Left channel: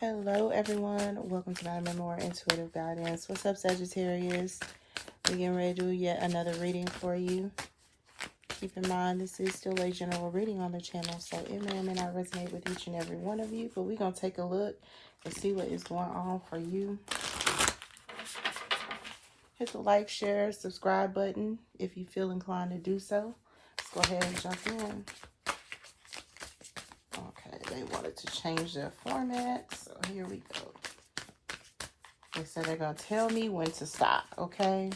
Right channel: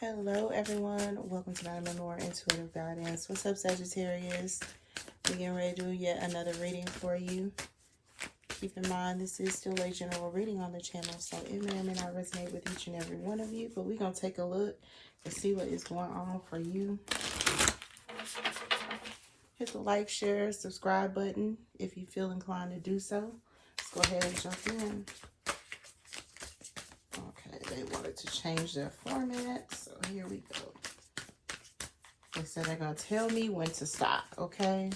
Hello everyone, welcome to MadamMemoir Intuitive Guidance. What's up, Sagittarius? We're getting ready to do yet another reading for you. Keep in mind, this is still a general reading on the channel, so it may or may not resonate with each and every one of you, but we're going to take a look and see what is going on for you. Hit the like, share, subscribe button if you feel inclined to do so. Let's go ahead and jump in. Okay, they wanted to change their format, so here we go. They said they're going to tell me when to stop, okay?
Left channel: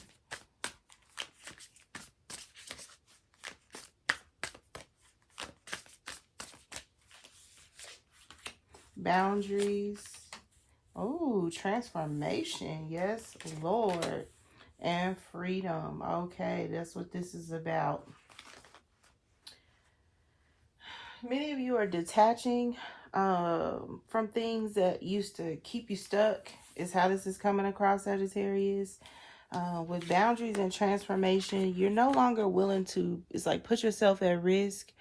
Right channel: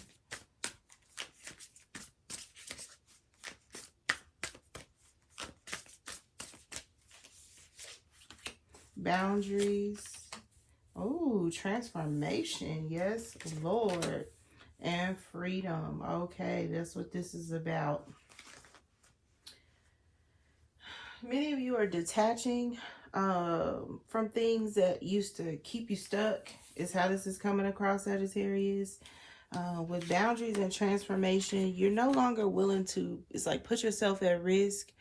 Boundaries. Oh, transformation. Yes, Lord. And freedom. Okay, that's what this is about. Many of you are detaching from things that used to keep you stuck, is how this is coming across, Sagittarius. With boundaries and transformation, you're no longer willing to, it's like, put yourself at risk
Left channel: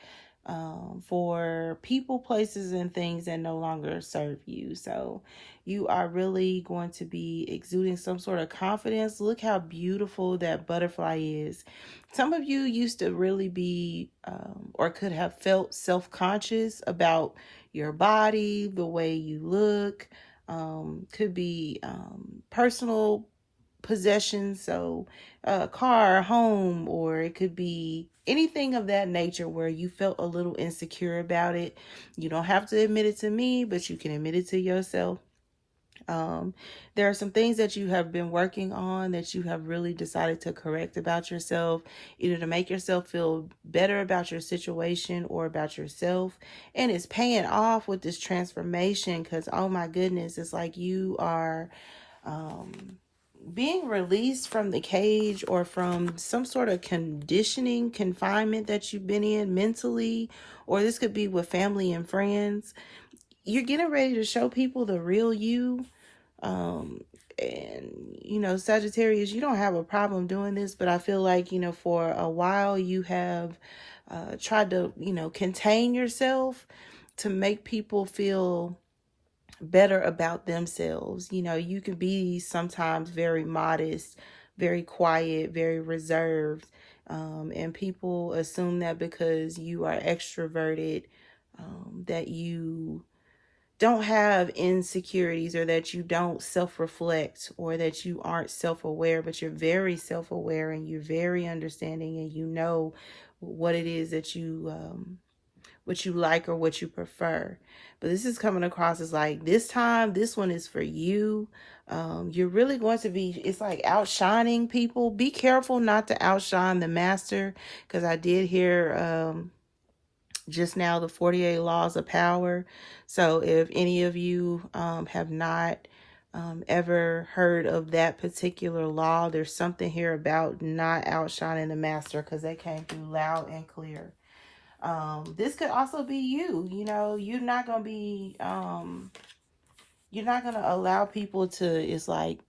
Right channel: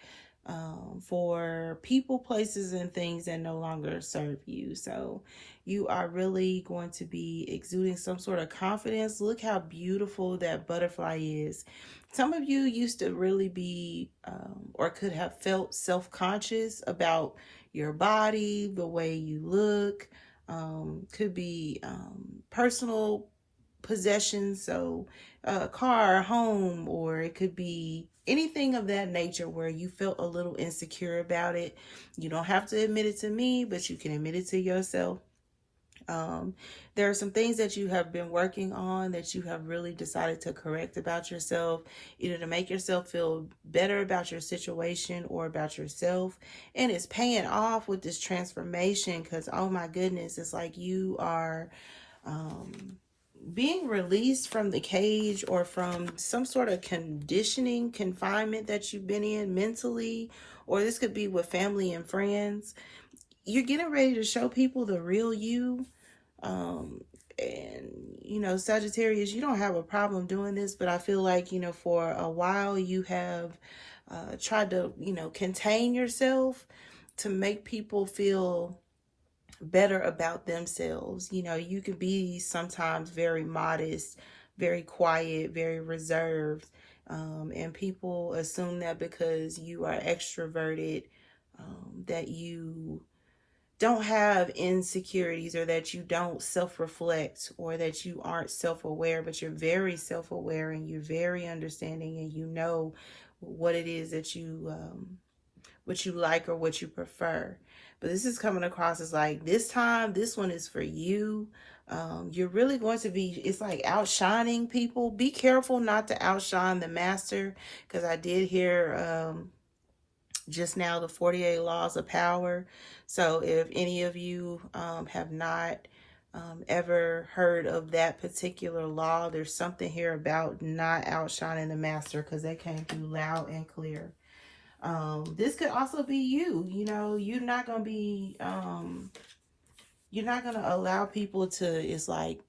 for people, places, and things that no longer serve you. So you are really going to be exuding some sort of confidence. Look how beautiful that butterfly is. Some of you used to really be or could have felt self-conscious about your body, the way you look. Could be personal possessions, so a car, home, or it could be anything of that nature where you felt a little insecure about it. You don't have to admit it to me, but you can admit it to yourself. There are some things that you have been working on that you have really decided to correct about yourself, either to make yourself feel better about your situation or about yourself. And it's paying off with this transformation because, oh my goodness, it's like you are being released from the cage or from some sort of conditioning, confinement that you've been in mentally, or this could be with family and friends. You're getting ready to show people the real you. And, you know, Sagittarius, you don't have a problem doing this, but I feel like, you know, for a while you have tried to, you know, contain yourself to make people feel better about themselves. You know, you can be sometimes very modest, very quiet, very reserved. And people assume that because you are extroverted, that you don't have insecurities, or that you don't self-reflect, or that you aren't self-aware, but you're very self-aware and you're very understanding, and you know what it is that you what you like or what you prefer. But this is coming across as like, this time, this one is for you. You're really going to be, it's like outshining people. Be careful not to outshine the master, because I did hear just now the 48 laws of power. So if any of you have not ever heard of that particular law, there's something here about not outshining the master, because they came through loud and clear. This could also be you. You know, you're not going to be, you're not going to allow people to, it's like,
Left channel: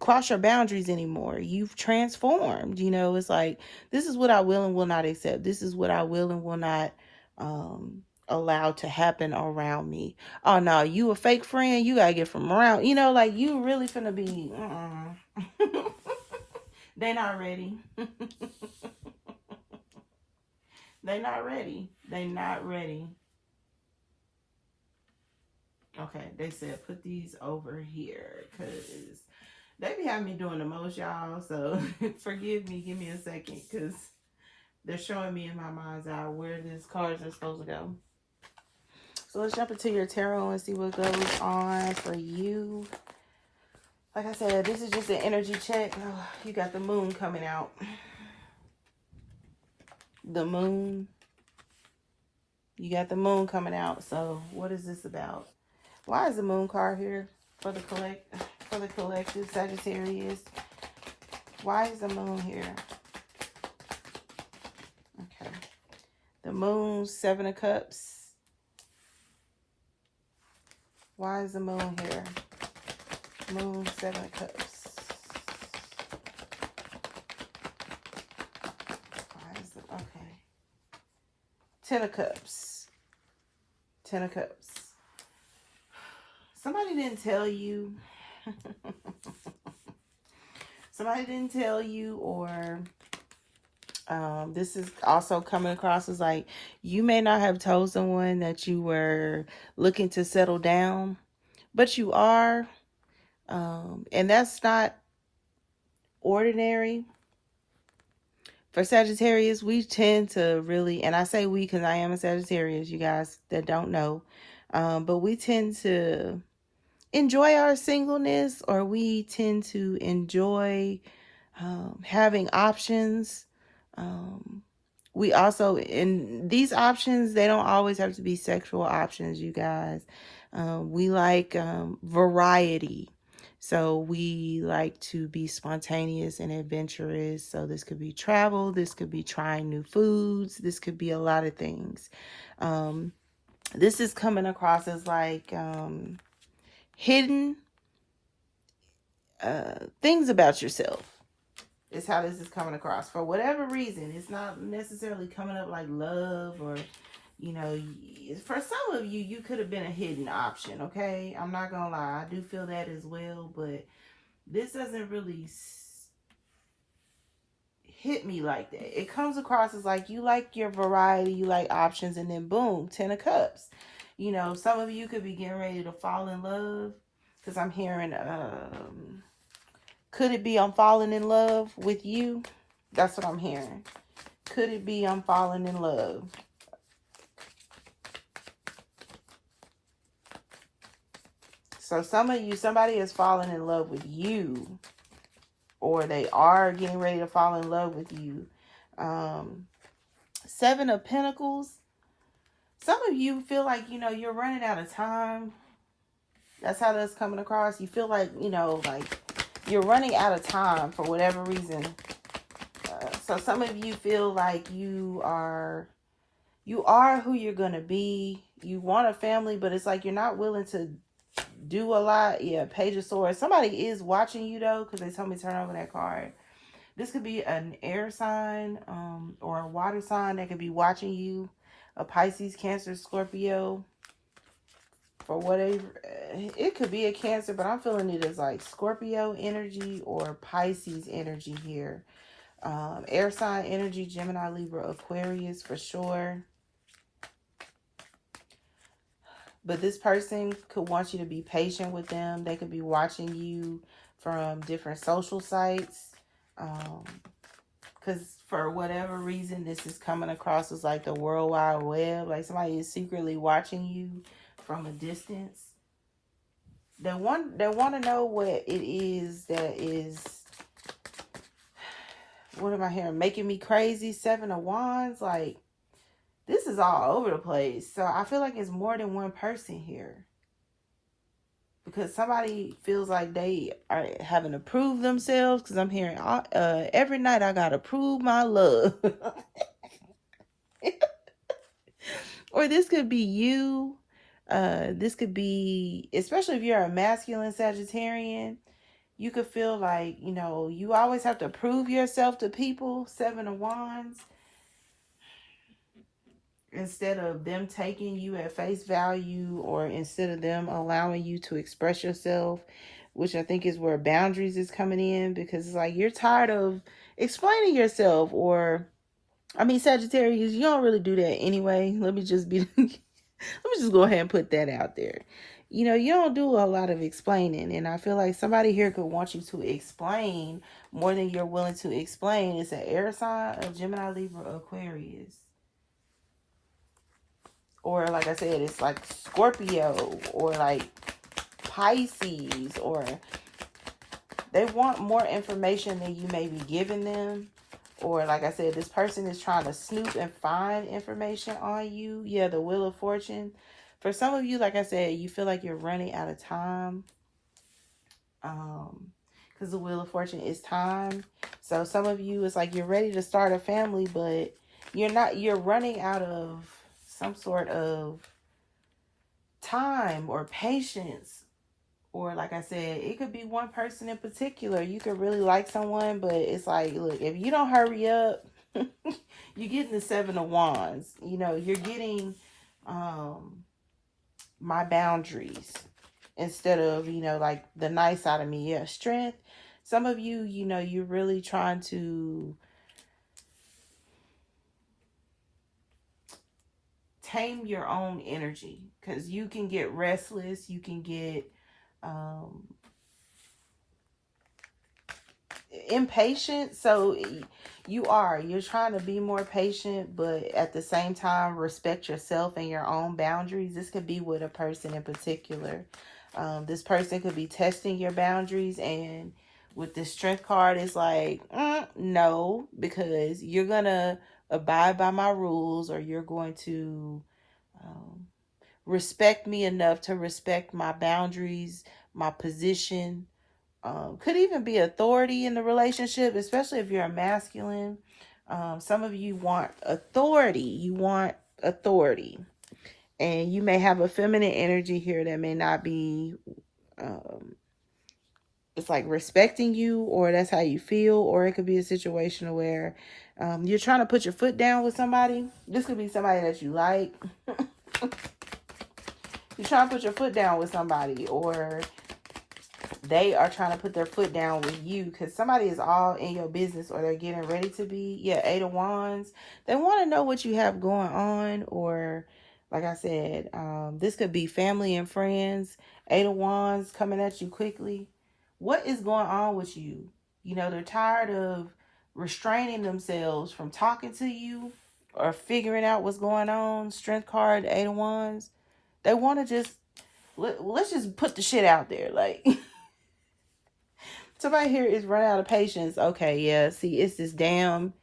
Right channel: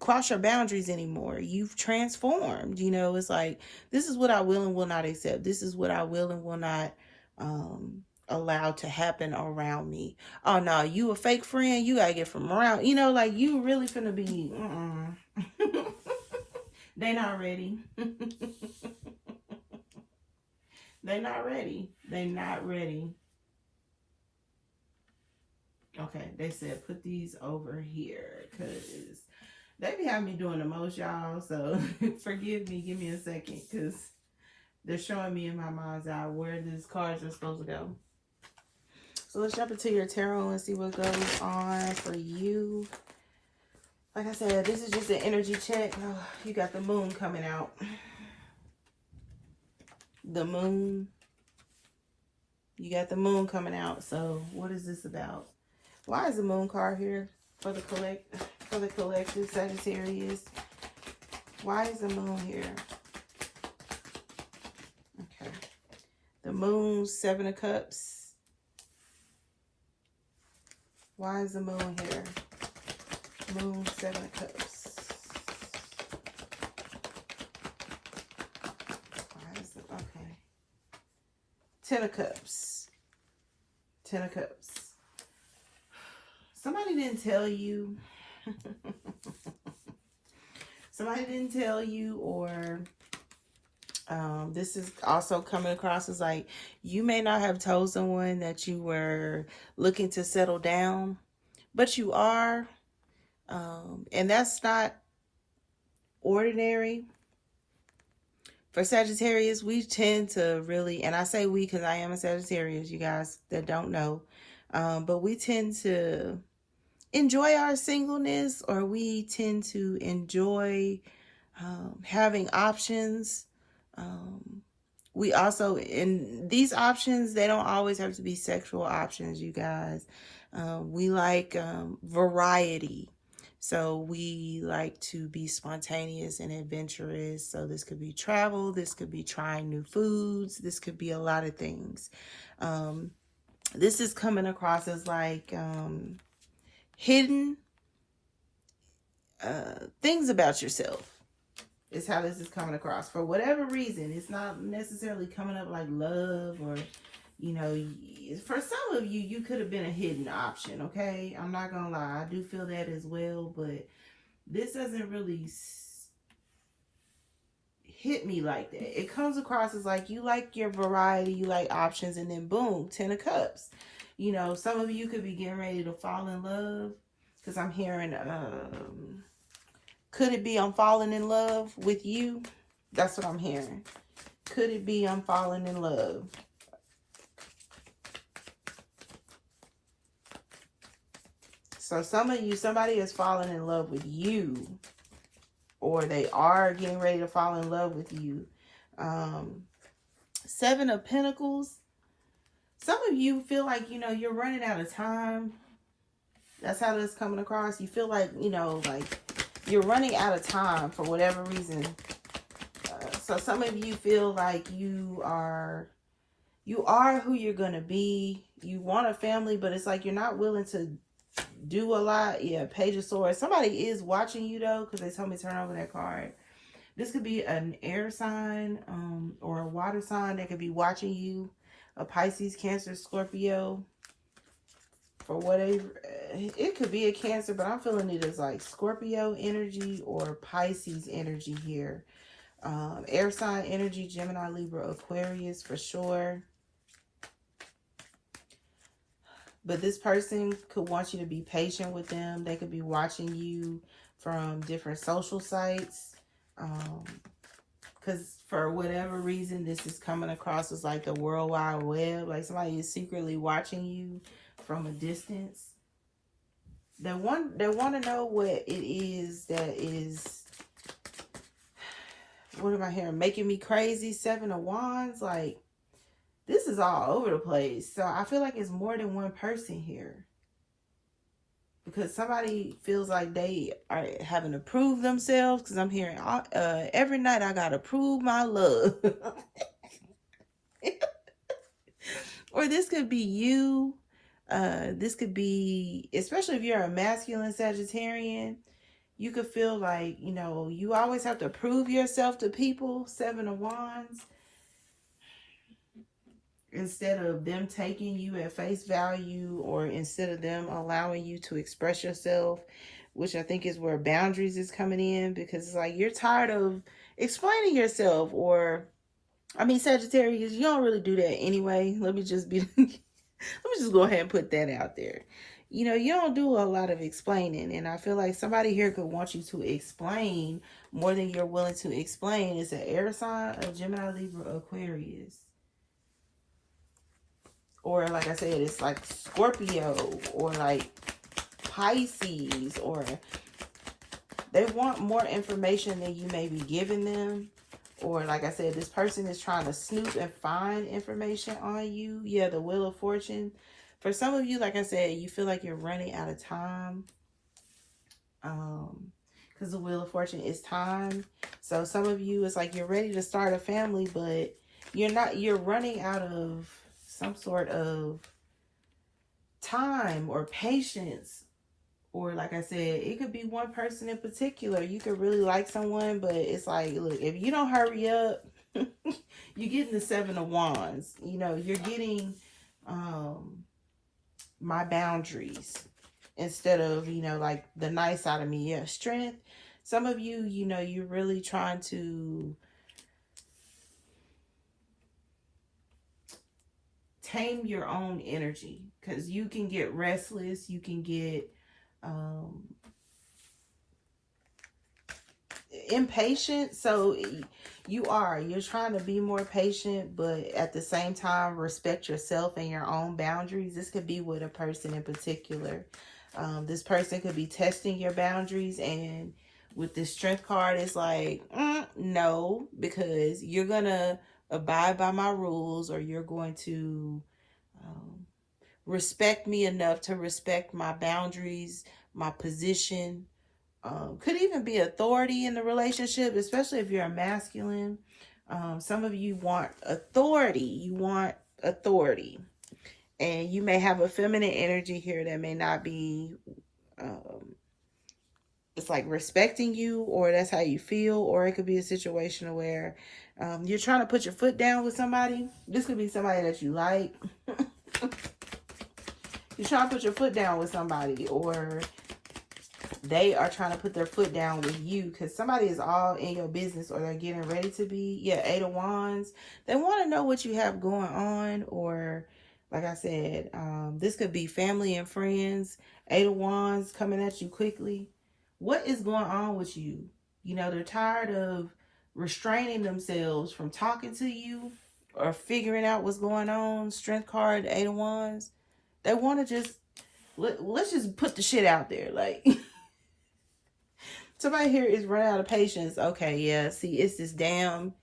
cross your boundaries anymore. You've transformed. You know, it's like, this is what I will and will not accept. This is what I will and will not allow to happen around me. Oh no, you a fake friend, you gotta get from around. You know, like, you really finna be they not ready. They not ready. They not ready. Okay, they said put these over here, because they be having me doing the most, y'all. So forgive me. Give me a second, because they're showing me in my mind's eye where these cards are supposed to go. So let's jump into your tarot and see what goes on for you. Like I said, this is just an energy check. Oh, you got the moon coming out. The moon. You got the moon coming out. So what is this about? Why is the moon card here for the collective, Sagittarius? Why is the moon here? Okay. The moon, 7 of Cups. Why is the moon here? Moon, 7 of Cups. Why is it? Okay. 10 of Cups. 10 of Cups. Somebody didn't tell you. Somebody didn't tell you, or this is also coming across as like you may not have told someone that you were looking to settle down, but you are. And that's not ordinary. For Sagittarius, we tend to really, and I say we because I am a Sagittarius, you guys that don't know, but we tend to enjoy our singleness, or we tend to enjoy having options. We also, in these options, they don't always have to be sexual options, you guys. We like variety. So we like to be spontaneous and adventurous. So this could be travel. This could be trying new foods. This could be a lot of things. This is coming across as like hidden things about yourself. Is how this is coming across. For whatever reason, it's not necessarily coming up like love, or, you know, for some of you, you could have been a hidden option, okay? I'm not gonna lie. I do feel that as well, but this doesn't really hit me like that. It comes across as like you like your variety, you like options, and then boom, 10 of Cups. You know, some of you could be getting ready to fall in love, because I'm hearing could it be I'm falling in love with you? That's what I'm hearing. Could it be I'm falling in love? So some of you, somebody is falling in love with you, or they are getting ready to fall in love with you. 7 of Pentacles. Some of you feel like, you know, you're running out of time. That's how that's coming across. You feel like, you know, like you're running out of time for whatever reason. So some of you feel like you are who you're going to be. You want a family, but it's like you're not willing to do a lot. Yeah, Page of Swords. Somebody is watching you, though, because they told me to turn over that card. This could be an air sign or a water sign that could be watching you. A Pisces, Cancer, Scorpio. For whatever, it could be a Cancer, but I'm feeling it as like Scorpio energy or Pisces energy here. Air sign energy, Gemini, Libra, Aquarius for sure. But this person could want you to be patient with them. They could be watching you from different social sites. Because for whatever reason, this is coming across as like the World Wide Web. Like somebody is secretly watching you from a distance. They want to know what it is that is, what am I hearing? Making me crazy. 7 of Wands. Like, this is all over the place. So I feel like it's more than one person here. Because somebody feels like they are having to prove themselves. Because I'm hearing every night I got to prove my love. Or this could be you. This could be, especially if you're a masculine Sagittarian, you could feel like, you know, you always have to prove yourself to people. 7 of Wands. Instead of them taking you at face value, or instead of them allowing you to express yourself, which I think is where boundaries is coming in, because it's like you're tired of explaining yourself. Or, I mean, Sagittarius, you don't really do that anyway. Let me just go ahead and put that out there. You know, you don't do a lot of explaining. And I feel like somebody here could want you to explain more than you're willing to explain. It's an air sign of Gemini, Libra, Aquarius. Or like I said, it's like Scorpio or like Pisces. Or they want more information than you may be giving them. Or like I said, this person is trying to snoop and find information on you. Yeah, the Wheel of Fortune. For some of you, like I said, you feel like you're running out of time. Because the Wheel of Fortune is time. So some of you, it's like you're ready to start a family, but you're running out of some sort of time or patience. Or like I said, it could be one person in particular. You could really like someone, but it's like, look, if you don't hurry up, you're getting the 7 of Wands. You know, you're getting my boundaries. instead of, like the nice side of me. Yeah, strength. Some of you, you're really trying to tame your own energy, because you can get restless. You can get impatient. So you're trying to be more patient, but at the same time respect yourself and your own boundaries. This could be with a person in particular. This person could be testing your boundaries, and with the strength card, it's like, no, because you're gonna abide by my rules, or you're going to respect me enough to respect my boundaries, my position. Could even be authority in the relationship, especially if you're a masculine. Some of you want authority. You want authority. And you may have a feminine energy here that may not be, it's like respecting you, or that's how you feel. Or it could be a situation where you're trying to put your foot down with somebody. This could be somebody that you like. You're trying to put your foot down with somebody, or they are trying to put their foot down with you, because somebody is all in your business, or they're getting ready to be. Yeah, 8 of Wands. They want to know what you have going on, or like I said, this could be family and friends. 8 of Wands coming at you quickly. What is going on with you? They're tired of restraining themselves from talking to you or figuring out what's going on. Strength card, 8 of Wands. They want to just, let's just put the shit out there. Like, somebody here is run out of patience. Okay, yeah, see, it's this damn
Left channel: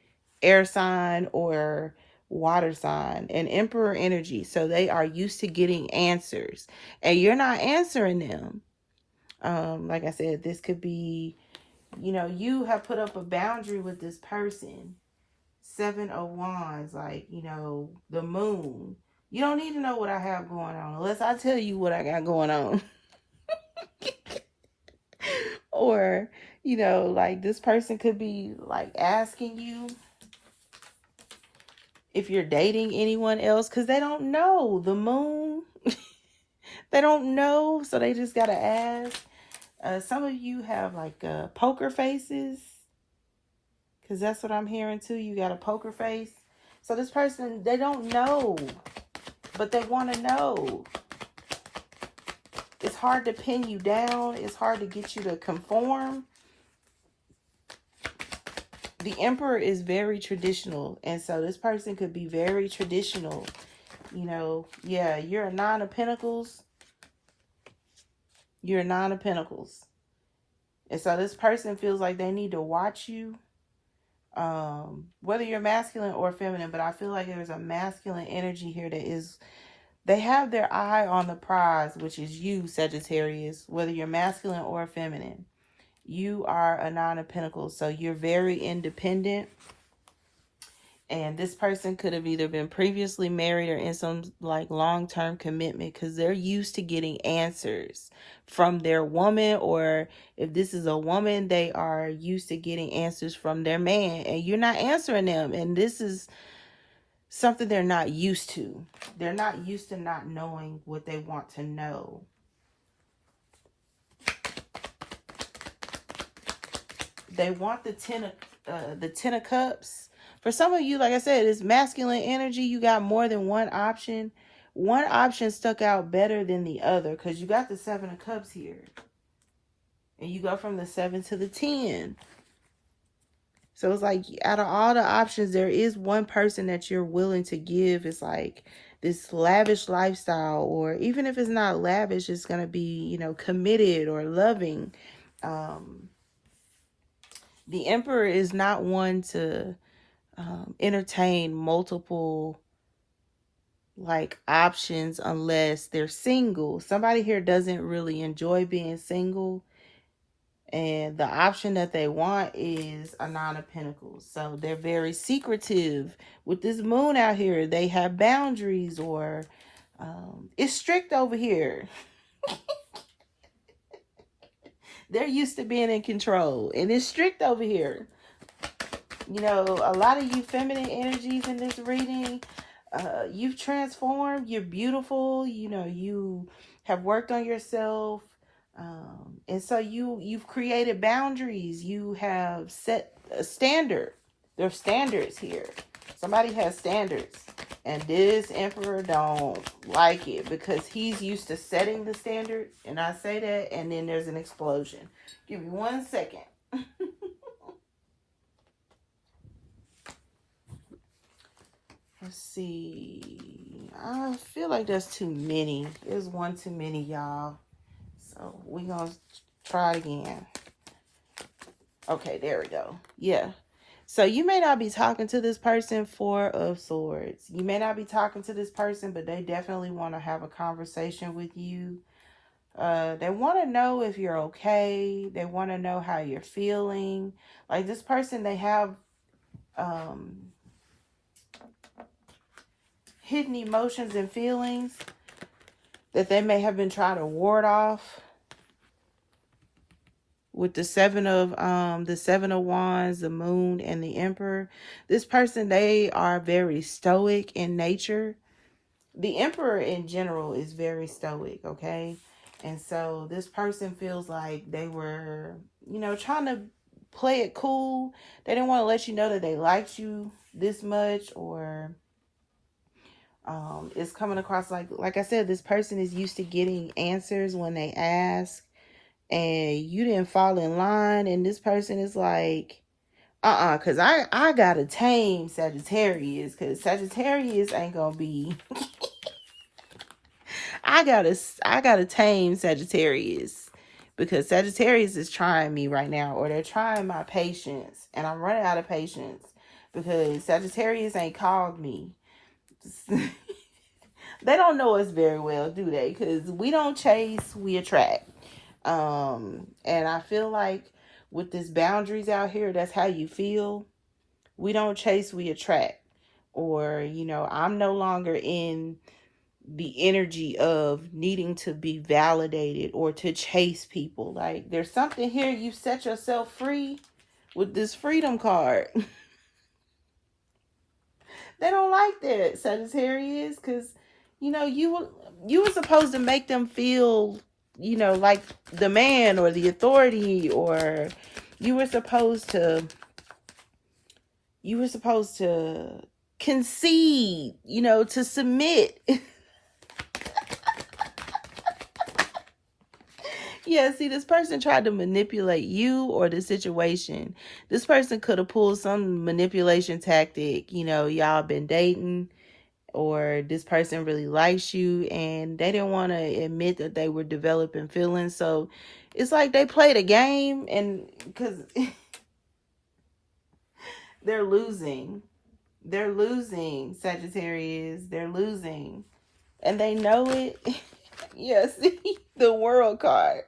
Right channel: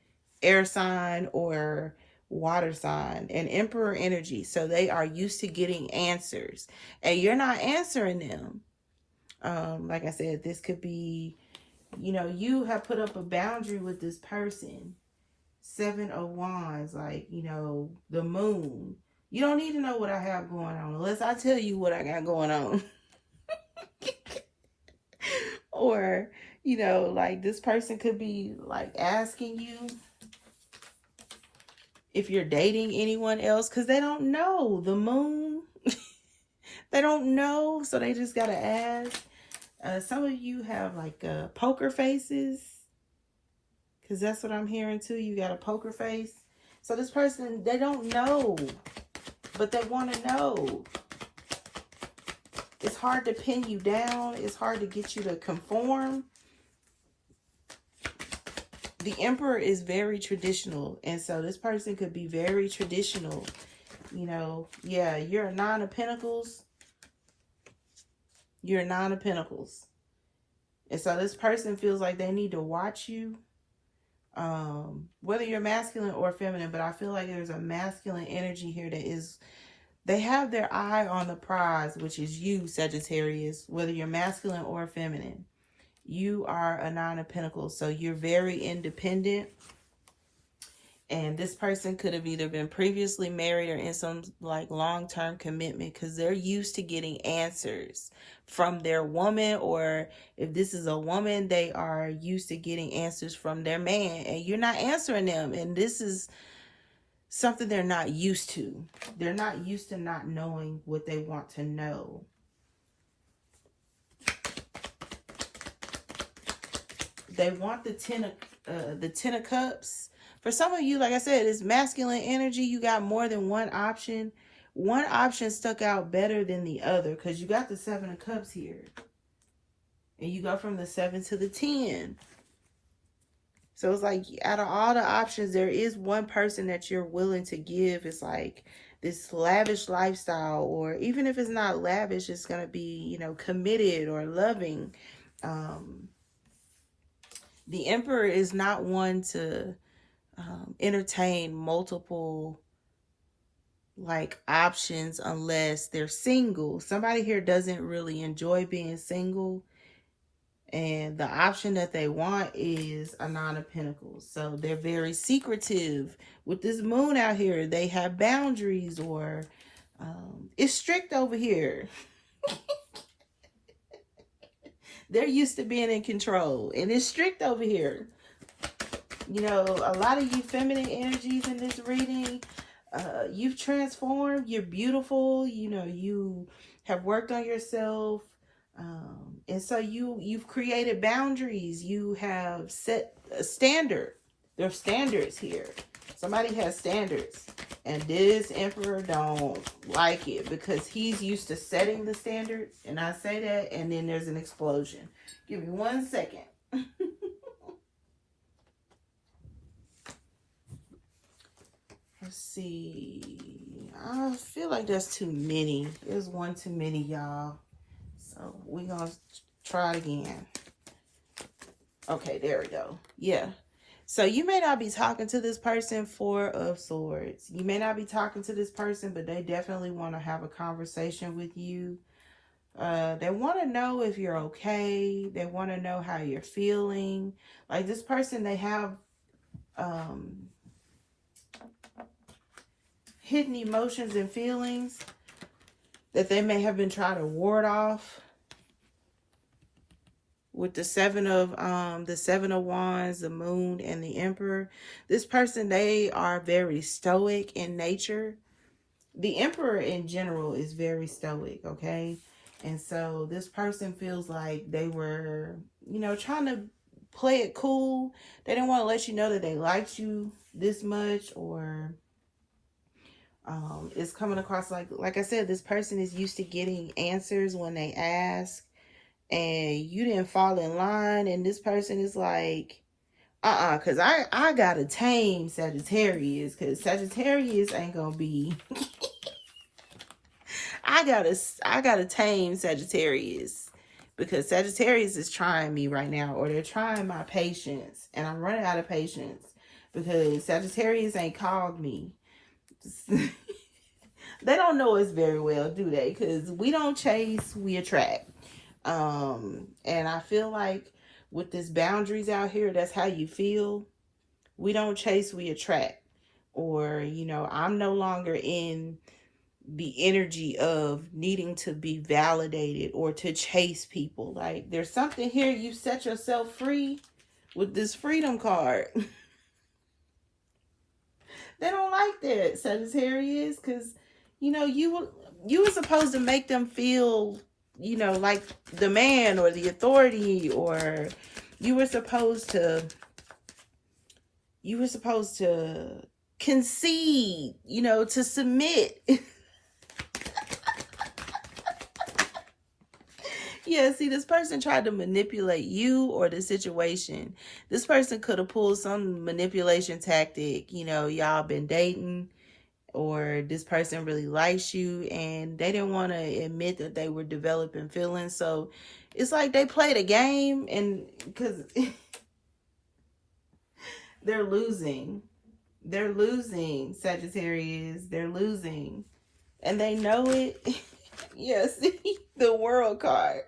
air sign or water sign and Emperor energy. So they are used to getting answers, and you're not answering them. Like I said, this could be, you have put up a boundary with this person. 7 of Wands, like, the moon. You don't need to know what I have going on unless I tell you what I got going on. Or, like this person could be like asking you if you're dating anyone else, because they don't know the moon. They don't know, so they just gotta ask. Some of you have like poker faces, because that's what I'm hearing too. You got a poker face. So this person, they don't know, but they want to know. It's hard to pin you down. It's hard to get you to conform. The Emperor is very traditional, and so this person could be very traditional. Yeah, you're a 9 of Pentacles. You're a 9 of Pentacles. And so this person feels like they need to watch you. Whether you're masculine or feminine, but I feel like there's a masculine energy here that is, they have their eye on the prize, which is you, Sagittarius, whether you're masculine or feminine. You are a 9 of Pentacles, so you're very independent. And this person could have either been previously married or in some like long-term commitment, because they're used to getting answers from their woman, or if this is a woman, they are used to getting answers from their man, and you're not answering them. And this is something they're not used to. They're not used to not knowing what they want to know. They want the 10 of Cups. For some of you, like I said, it's masculine energy. You got more than one option. One option stuck out better than the other, because you got the 7 of Cups here. And you go from the 7 to the 10. So it's like, out of all the options, there is one person that you're willing to give. It's like this lavish lifestyle, or even if it's not lavish, it's going to be, committed or loving. The Emperor is not one to entertain multiple like options unless they're single. Somebody here doesn't really enjoy being single, and the option that they want is a 9 of Pentacles. So they're very secretive. With this moon out here, they have boundaries, or it's strict over here. They're used to being in control, and it's strict over here. A lot of you feminine energies in this reading, you've transformed. You're beautiful. You have worked on yourself. And so you've created boundaries. You have set a standard. There's standards here. Somebody has standards. And this emperor don't like it because he's used to setting the standard. And I say that, and then there's an explosion. Give me 1 second. Let's see. I feel like there's too many. There's one too many, y'all. So we're going to try it again. Okay, there we go. Yeah. So you may not be talking to this person, Four of Swords. You may not be talking to this person, but they definitely want to have a conversation with you. They want to know if you're okay. They want to know how you're feeling. Like this person, they have hidden emotions and feelings that they may have been trying to ward off. With the seven of wands, the moon, and the emperor, this person, they are very stoic in nature. The emperor in general is very stoic, okay? And so this person feels like they were, trying to play it cool. They didn't want to let you know that they liked you this much, or it's coming across like I said, this person is used to getting answers when they ask. And you didn't fall in line, and this person is like, because I gotta tame Sagittarius, because Sagittarius ain't gonna be, I gotta tame Sagittarius, because Sagittarius is trying me right now, or they're trying my patience, and I'm running out of patience, because Sagittarius ain't called me. They don't know us very well, do they? Because we don't chase, we attract. And I feel like with this boundaries out here, that's how you feel. We don't chase, we attract. Or, I'm no longer in the energy of needing to be validated or to chase people. Like, there's something here, you set yourself free with this freedom card. They don't like that, Sagittarius, because, you were supposed to make them feel like the man or the authority, or you were supposed to concede, to submit. Yeah, see, this person tried to manipulate you or the situation. This person could have pulled some manipulation tactic. Y'all been dating, or this person really likes you and they didn't want to admit that they were developing feelings. So it's like they played a game, and because they're losing, Sagittarius, they're losing, and they know it. Yeah, see, the World card.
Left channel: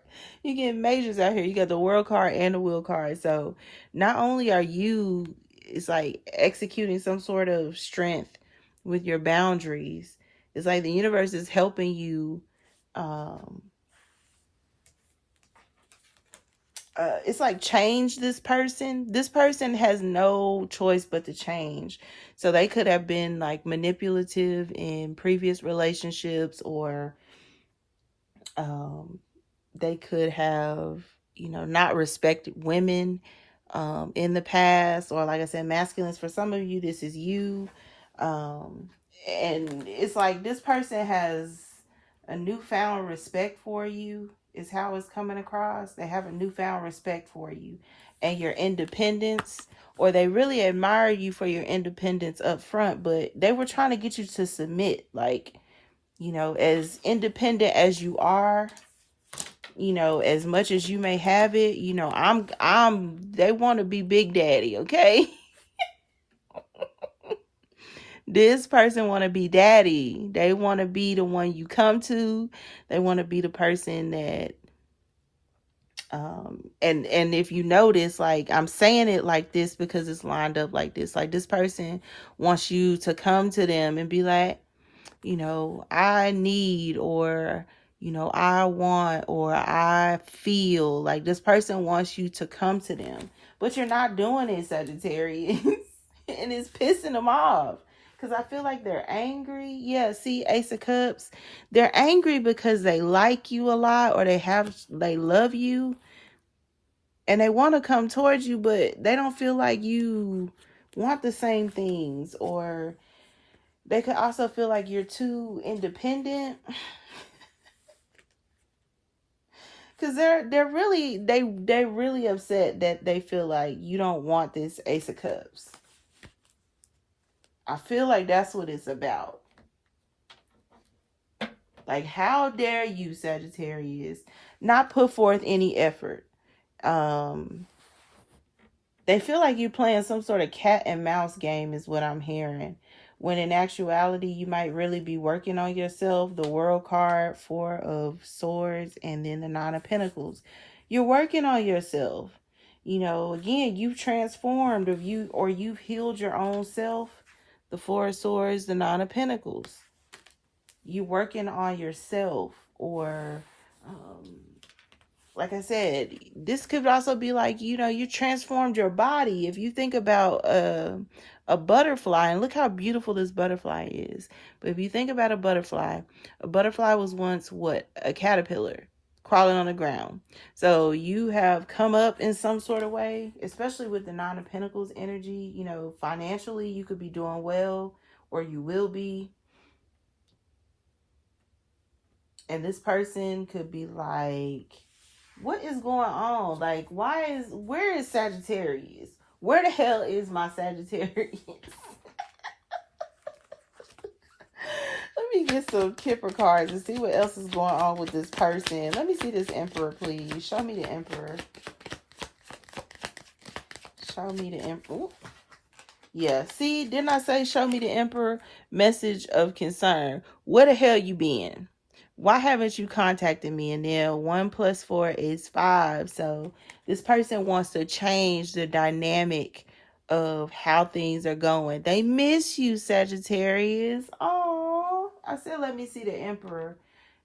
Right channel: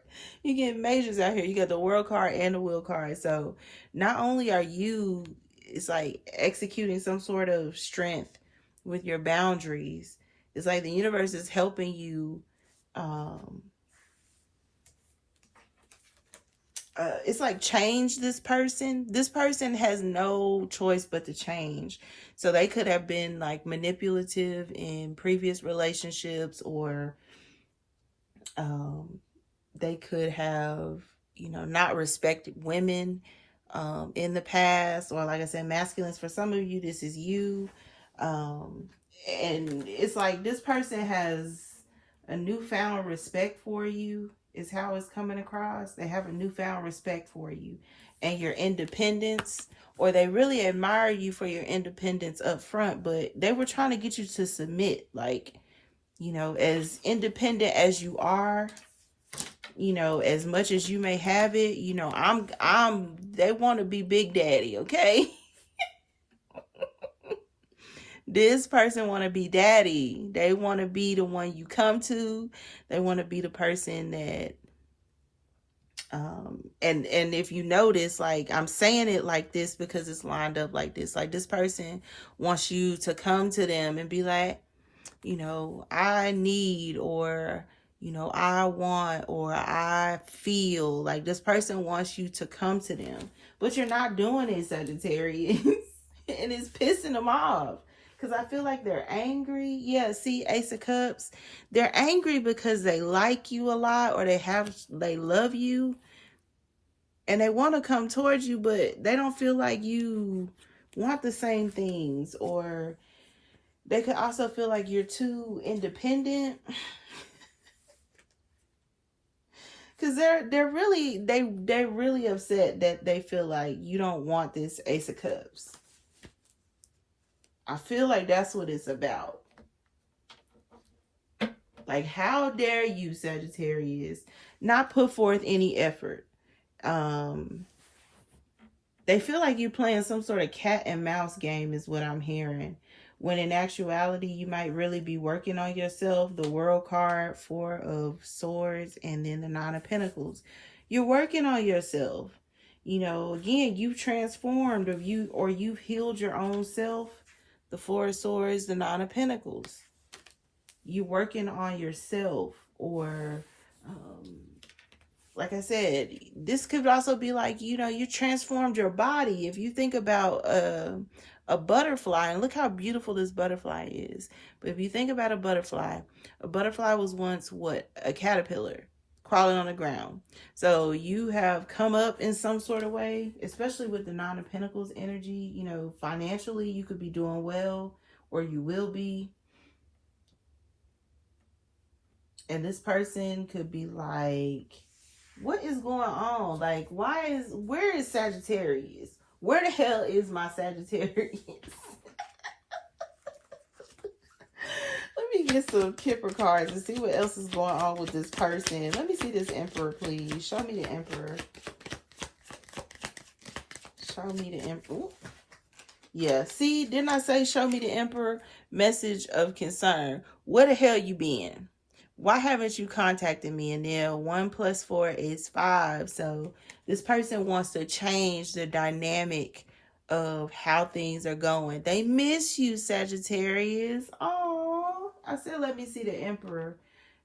You get majors out here. You got the World card and the Wheel card. So not only are you, it's like executing some sort of strength with your boundaries. It's like the universe is helping you. It's like change this person. This person has no choice but to change. So they could have been like manipulative in previous relationships, or they could have, not respected women in the past, or like I said, masculines. For some of you, this is you. And it's like this person has a newfound respect for you, is how it's coming across. They have a newfound respect for you and your independence, or they really admire you for your independence up front, but they were trying to get you to submit. Like, as independent as you are, as much as you may have it, they want to be Big Daddy, okay? This person want to be daddy. They want to be the one you come to. They want to be the person that, and if you notice, like, I'm saying it like this because it's lined up like this. Like, this person wants you to come to them and be like, I need, or, I want, or I feel. Like, this person wants you to come to them, but you're not doing it, Sagittarius. And it's pissing them off. Because I feel like they're angry. Yeah, see, Ace of Cups. They're angry because they like you a lot, or they love you, and they want to come towards you, but they don't feel like you want the same things, or they could also feel like you're too independent. Because they're really upset that they feel like you don't want this Ace of Cups. I feel like that's what it's about. Like, how dare you, Sagittarius, not put forth any effort? They feel like you playing some sort of cat and mouse game is what I'm hearing. When in actuality, you might really be working on yourself. The World card, 4 of Swords, and then the 9 of Pentacles. You're working on yourself. You know, again, you've transformed, or you've healed your own self. The 4 of Swords, the 9 of Pentacles. You're working on yourself, or like I said, this could also be like, you know, you transformed your body. If you think about a butterfly, and look how beautiful this butterfly is. But if you think about a butterfly was once what? A caterpillar crawling on the ground. So you have come up in some sort of way, especially with the 9 of Pentacles energy. You know, financially, you could be doing well, or you will be. And this person could be like, what is going on? Like, where is Sagittarius? Where the hell is my Sagittarius? Let me get some Kipper cards and see what else is going on with this person. Let me see this Emperor, please. Show me the Emperor. Show me the Emperor. Ooh. Yeah, see, didn't I say show me the Emperor? Message of concern. Where the hell you been? Why haven't you contacted me? And then 1 + 4 is 5. So this person wants to change the dynamic of how things are going. They miss you, Sagittarius. Oh, I said, let me see the Emperor.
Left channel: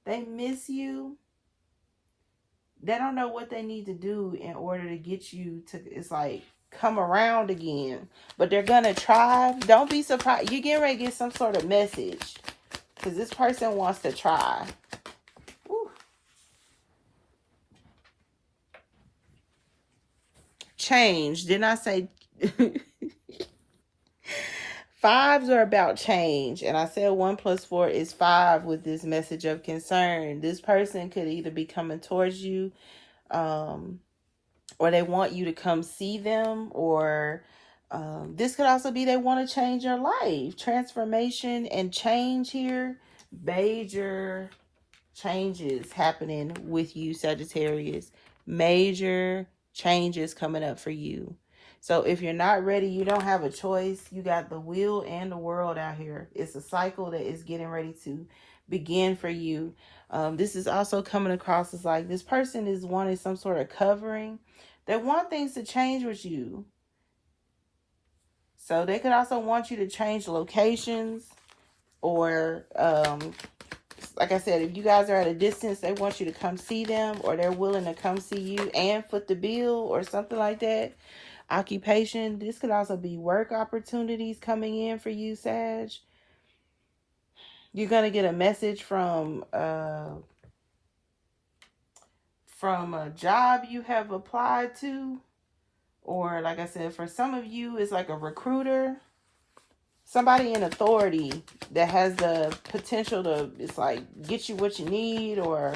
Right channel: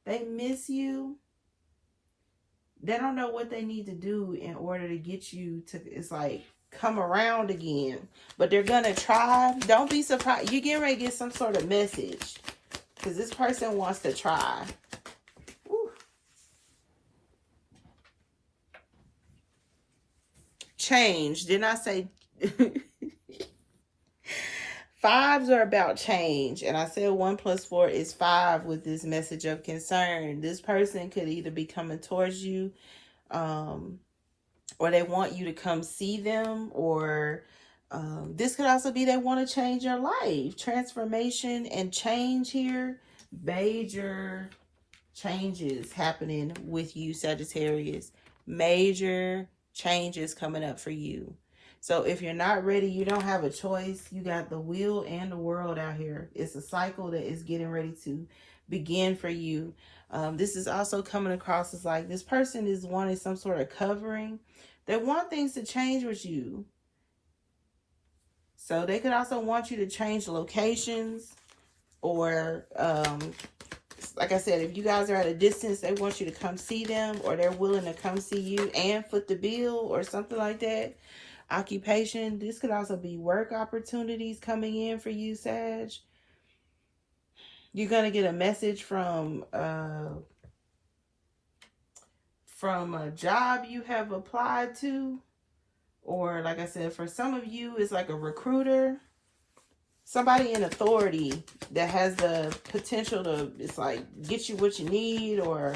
They miss you. They don't know what they need to do in order to get you to, it's like, come around again. But they're going to try. Don't be surprised. You're getting ready to get some sort of message. Because this person wants to try. Woo. Change. Didn't I say... 5s are about change. And I said 1 + 4 is 5 with this message of concern. This person could either be coming towards you, or they want you to come see them, or this could also be they want to change your life. Transformation and change here. Major changes happening with you, Sagittarius. Major changes coming up for you. So if you're not ready, you don't have a choice. You got the wheel and the world out here. It's a cycle that is getting ready to begin for you. This is also coming across as like this person is wanting some sort of covering. They want things to change with you. So they could also want you to change locations, or like I said, if you guys are at a distance, they want you to come see them, or they're willing to come see you and foot the bill or something like that. Occupation. This could also be work opportunities coming in for you, Sag. You're going to get a message from a job you have applied to. Or like I said, for some of you, it's like a recruiter. Somebody in authority that has the potential to, it's like, get you what you need, or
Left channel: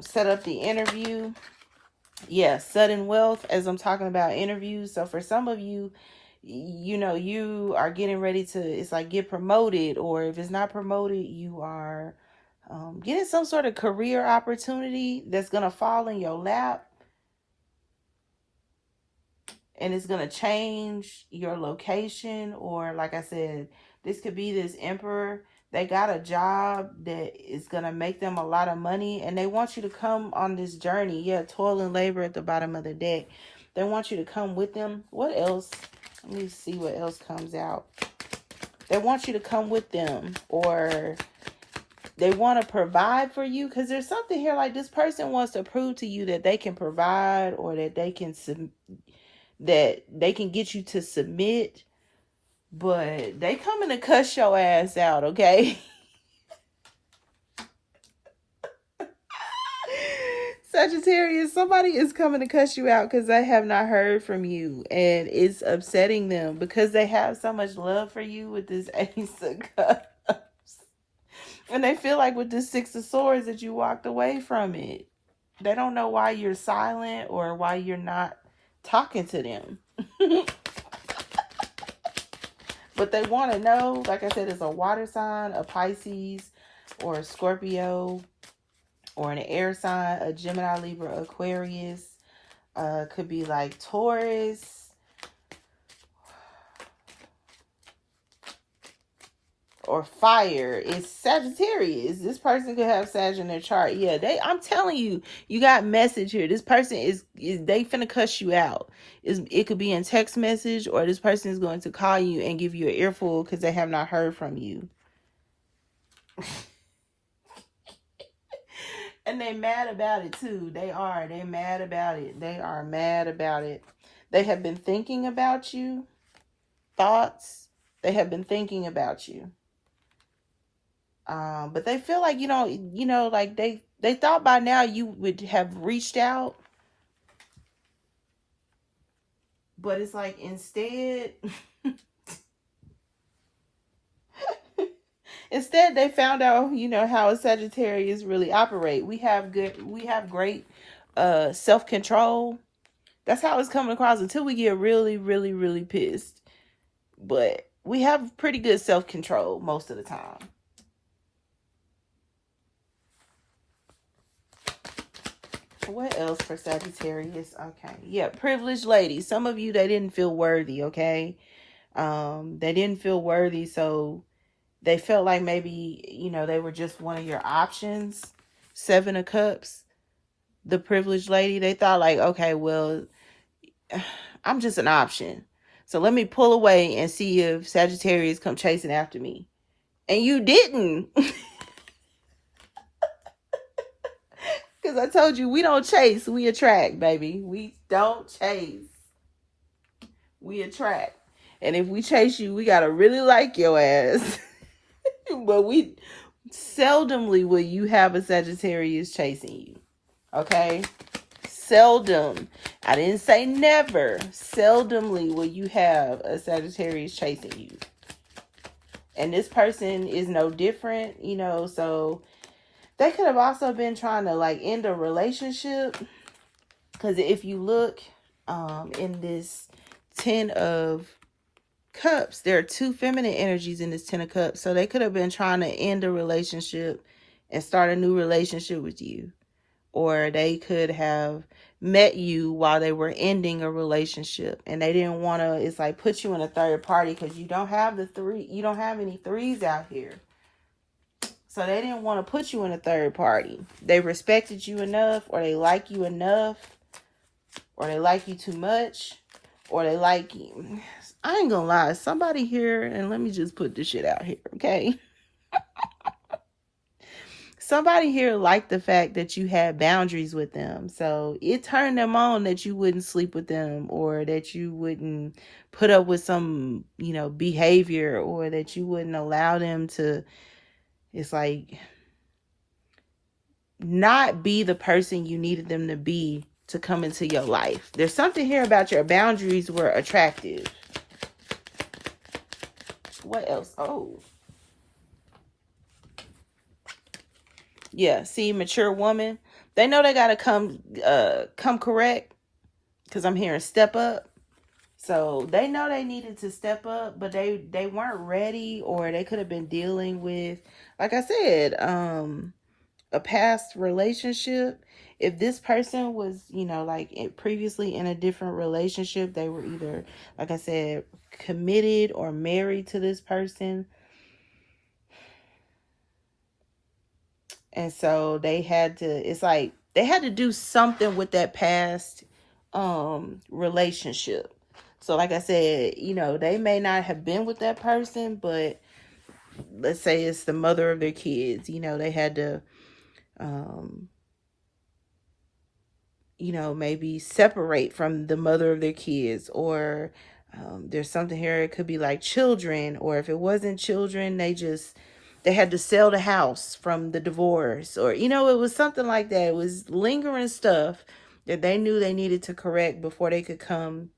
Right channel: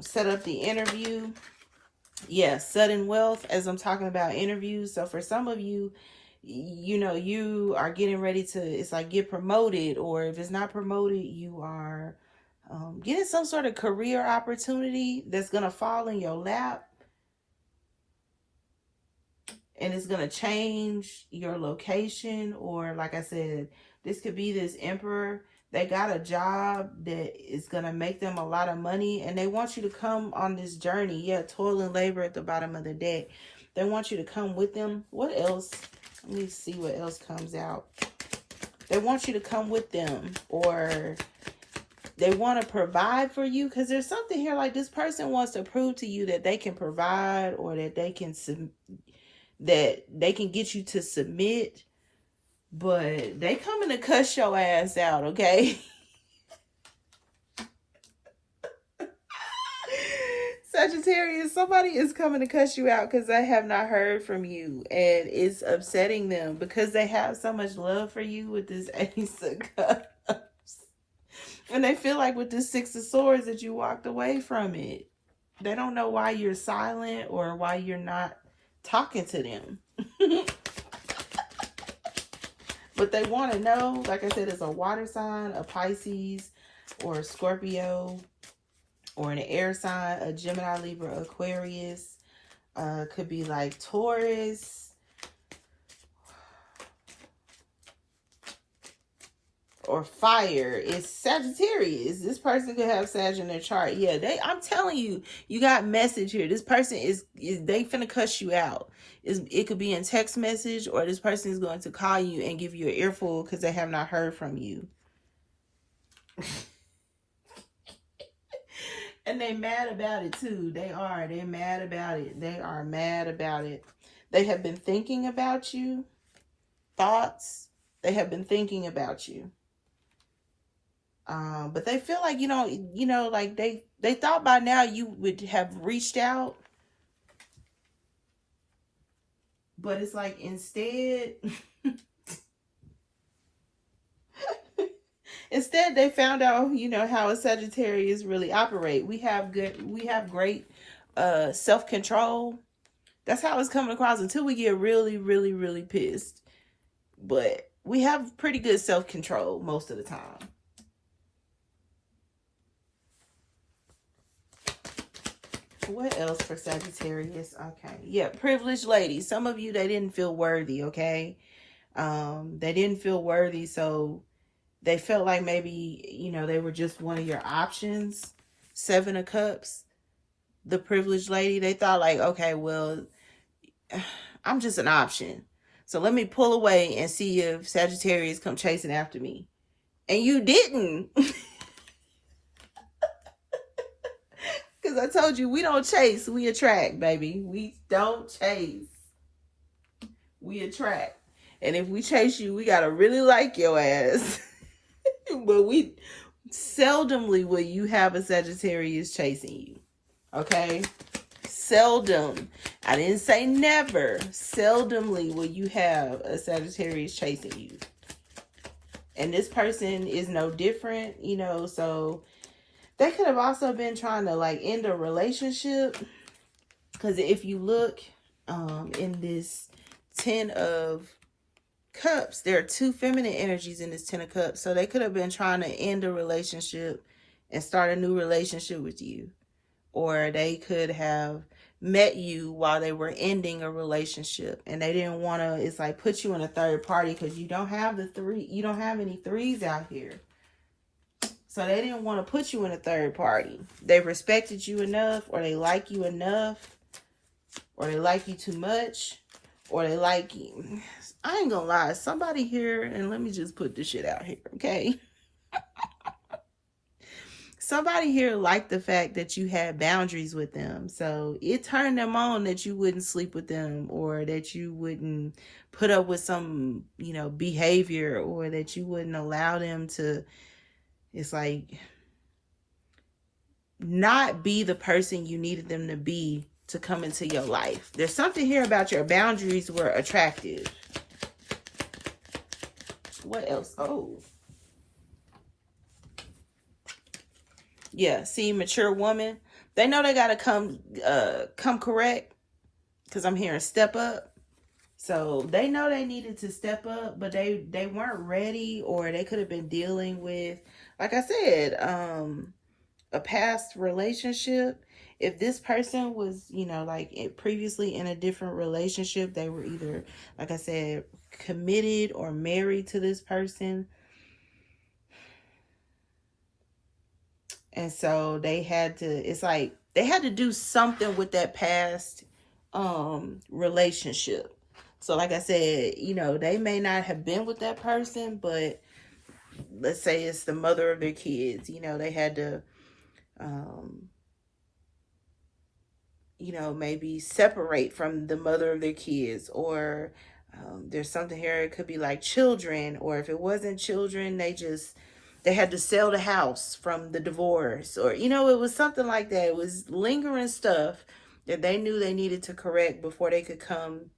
set up the interview. Yeah, sudden wealth, as I'm talking about interviews. So for some of you, you know, you are getting ready to, it's like, get promoted. Or if it's not promoted, you are getting some sort of career opportunity that's going to fall in your lap. And it's going to change your location. Or like I said, this could be this Emperor. They got a job that is going to make them a lot of money. And they want you to come on this journey. Yeah, toil and labor at the bottom of the deck. They want you to come with them. What else? Let me see what else comes out. They want you to come with them. Or they want to provide for you. Because there's something here like this person wants to prove to you that they can provide, or that they can get you to submit, But they coming to cuss your ass out, okay? Sagittarius, somebody is coming to cuss you out because they have not heard from you, and it's upsetting them because they have so much love for you with this Ace of Cups. And they feel like with this Six of Swords that you walked away from it. They don't know why you're silent or why you're not talking to them. But they want to know, like I said, it's a water sign, a Pisces, or a Scorpio, or an air sign, a Gemini, Libra, Aquarius. Could be like Taurus. Or fire. It's Sagittarius. This person could have Sag in their chart. Yeah, I'm telling you, you got message here. This person is they finna cuss you out. It could be in text message, or this person is going to call you and give you an earful because they have not heard from you. And they mad about it too. They mad about it. They are mad about it. They have been thinking about you. Thoughts. They have been thinking about you. But they feel like, like they thought by now you would have reached out. But it's like instead, they found out, how a Sagittarius really operate. We have great self-control. That's how it's coming across until we get really, really, really pissed. But we have pretty good self-control most of the time. What else for Sagittarius? Okay. Yeah, privileged ladies. Some of you, they didn't feel worthy, okay? They didn't feel worthy, so they felt like maybe, they were just one of your options. Seven of Cups. The privileged lady, they thought like, okay, well, I'm just an option. So let me pull away and see if Sagittarius come chasing after me. And you didn't. Because I told you, we don't chase, we attract, baby. We don't chase. We attract. And if we chase you, we got to really like your ass. But we seldomly will you have a Sagittarius chasing you. Okay? Seldom. I didn't say never. Seldomly will you have a Sagittarius chasing you. And this person is no different, so they could have also been trying to like end a relationship. Because if you look in this 10 of Cups, there are two feminine energies in this 10 of Cups. So they could have been trying to end a relationship and start a new relationship with you. Or they could have met you while they were ending a relationship. And they didn't want to, it's like put you in a third party because you don't have any threes out here. So they didn't want to put you in a third party. They respected you enough, or they like you enough, or they like you too much, or they like you. I ain't gonna lie. Somebody here, and let me just put this shit out here, okay? Somebody here liked the fact that you had boundaries with them. So it turned them on that you wouldn't sleep with them, or that you wouldn't put up with some, behavior, or that you wouldn't allow them to, it's like, not be the person you needed them to be to come into your life. There's something here about your boundaries were attractive. What else? Oh. Yeah, see, mature woman. They know they got to come correct. Because I'm hearing step up. So they know they needed to step up, but they weren't ready, or they could have been dealing with, like I said, a past relationship. If this person was, like previously in a different relationship, they were either, like I said, committed or married to this person. And so they had to do something with that past relationship. So like I said, they may not have been with that person, but let's say it's the mother of their kids. They had to, maybe separate from the mother of their kids, or There's something here. It could be like children, or if it wasn't children, they had to sell the house from the divorce, or it was something like that. It was lingering stuff that they knew they needed to correct before they could come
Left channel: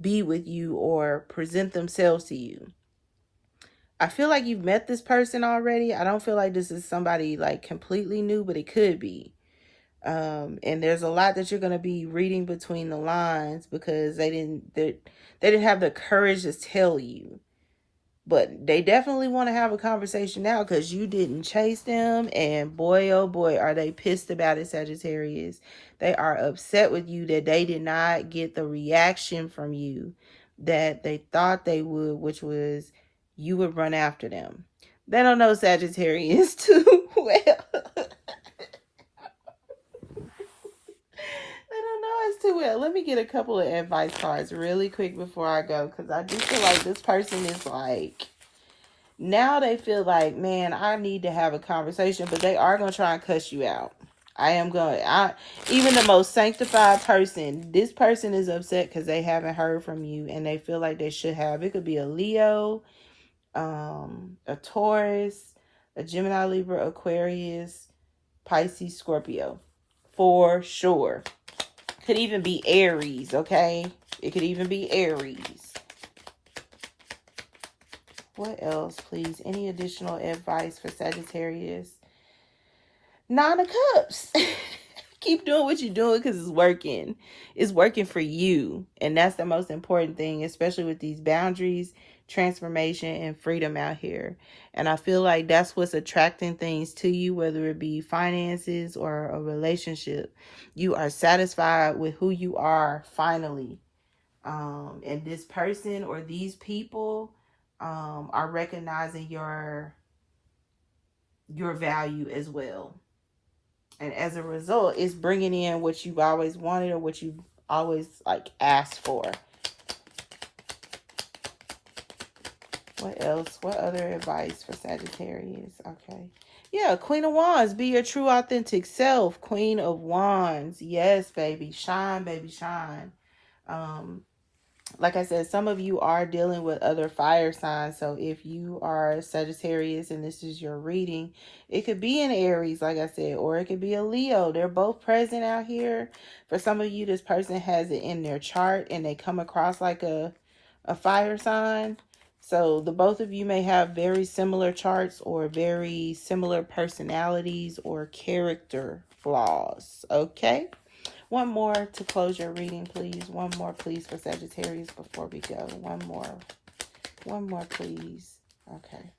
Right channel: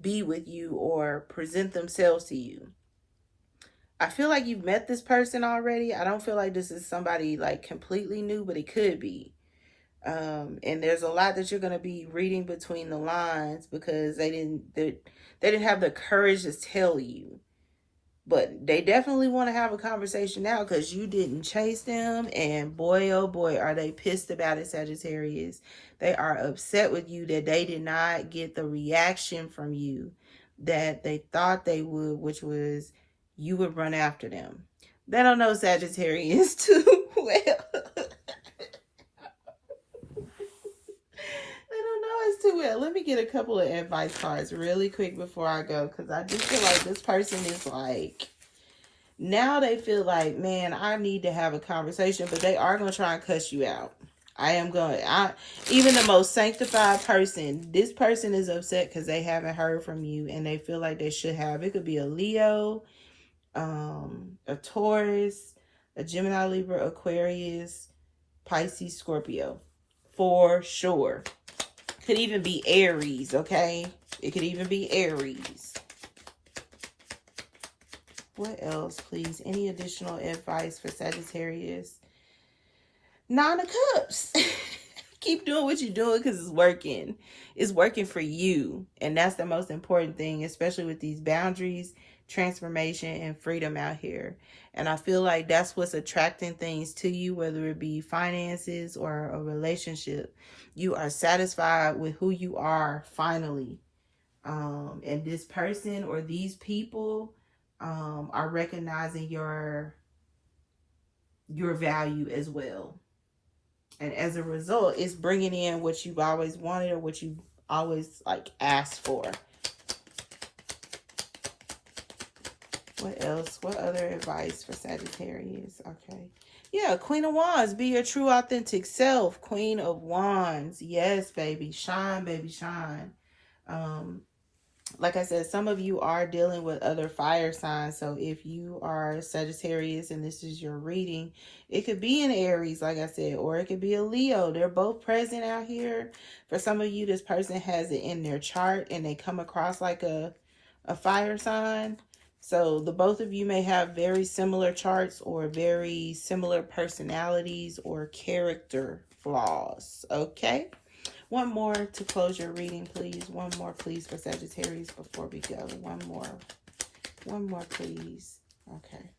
be with you or present themselves to you. I feel like you've met this person already. I don't feel like this is somebody like completely new, but it could be. And there's a lot that you're going to be reading between the lines because they didn't have the courage to tell you. But they definitely want to have a conversation now because you didn't chase them. And boy, oh boy, are they pissed about it, Sagittarius. They are upset with you that they did not get the reaction from you that they thought they would, which was you would run after them. They don't know Sagittarius too well. Too well. Let me get a couple of advice cards really quick before I go, because I just feel like this person is like, now they feel like, man, I need to have a conversation, but they are going to try and cuss you out. Even the most sanctified person, this person is upset because they haven't heard from you and they feel like they should have. It could be a Leo, a Taurus, a Gemini, Libra, Aquarius, Pisces, Scorpio, for sure. Could even be Aries, okay? It could even be Aries. What else, please? Any additional advice for Sagittarius? Nine of Cups. Keep doing what you're doing because it's working. It's working for you. And that's the most important thing, especially with these boundaries, transformation, and freedom out here. And I feel like that's what's attracting things to you, whether it be finances or a relationship. You are satisfied with who you are finally. And this person or these people are recognizing your value as well. And as a result, it's bringing in what you've always wanted or what you've always like asked for. What else? What other advice for Sagittarius? Okay. Yeah, Queen of Wands. Be your true, authentic self. Queen of Wands. Yes, baby. Shine, baby, shine. Like I said, some of you are dealing with other fire signs. So if you are Sagittarius and this is your reading, it could be an Aries, like I said, or it could be a Leo. They're both present out here. For some of you, this person has it in their chart and they come across like a fire sign. So the both of you may have very similar charts or very similar personalities or character flaws. Okay. One more to close your reading, please. One more, please, for Sagittarius before we go. One more. One more, please. Okay.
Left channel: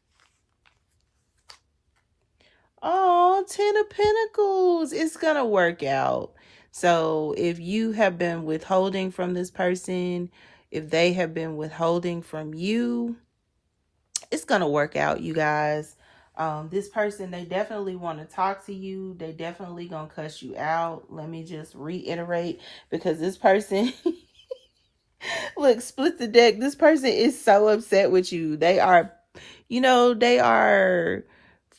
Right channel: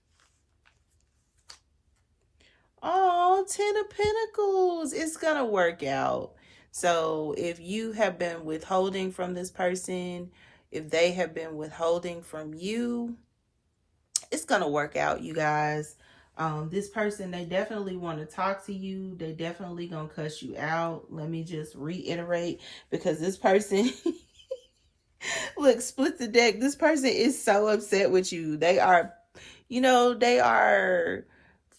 Oh, Ten of Pentacles. It's going to work out. So if you have been withholding from this person, if they have been withholding from you, it's going to work out, you guys. This person, they definitely want to talk to you. They definitely going to cuss you out. Let me just reiterate, because this person, look, split the deck. This person is so upset with you. They are, they are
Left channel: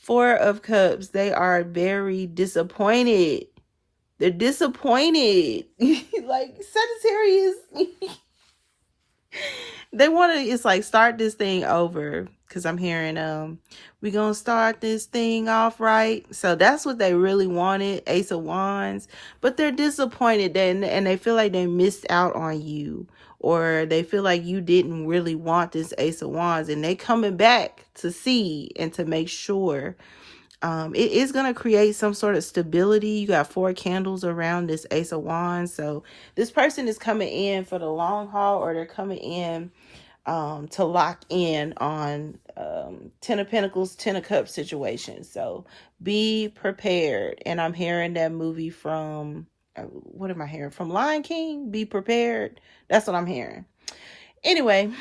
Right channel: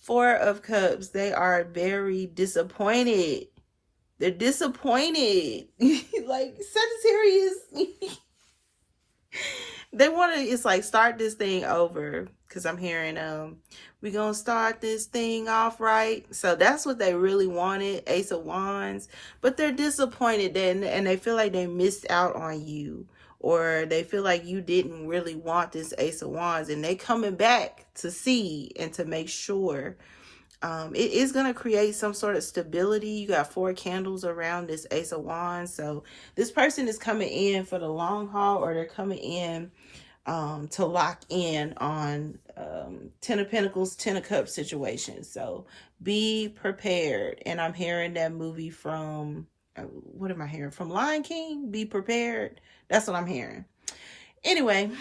Four of Cups. They are very disappointed. They're disappointed. Like Sagittarius. They want to, it's like, start this thing over. Because I'm hearing, we're going to start this thing off right. So that's what they really wanted, Ace of Wands. But they're disappointed and they feel like they missed out on you. Or they feel like you didn't really want this Ace of Wands. And they coming back to see and to make sure. It is going to create some sort of stability. You got 4 candles around this Ace of Wands. So this person is coming in for the long haul, or they're coming in to lock in on Ten of Pentacles, Ten of Cups situation. So be prepared. And I'm hearing that movie from, what am I hearing? From Lion King? Be prepared. That's what I'm hearing. Anyway,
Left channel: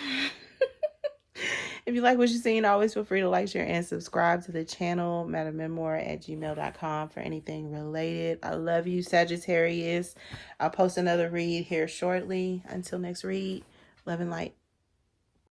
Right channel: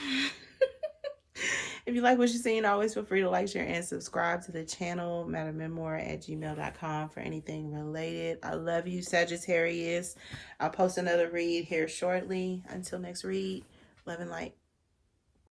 if you like what you're seeing, always feel free to like, share, and subscribe to the channel, MadamMemoir@gmail.com for anything related. I love you, Sagittarius. I'll post another read here shortly. Until next read, love and light.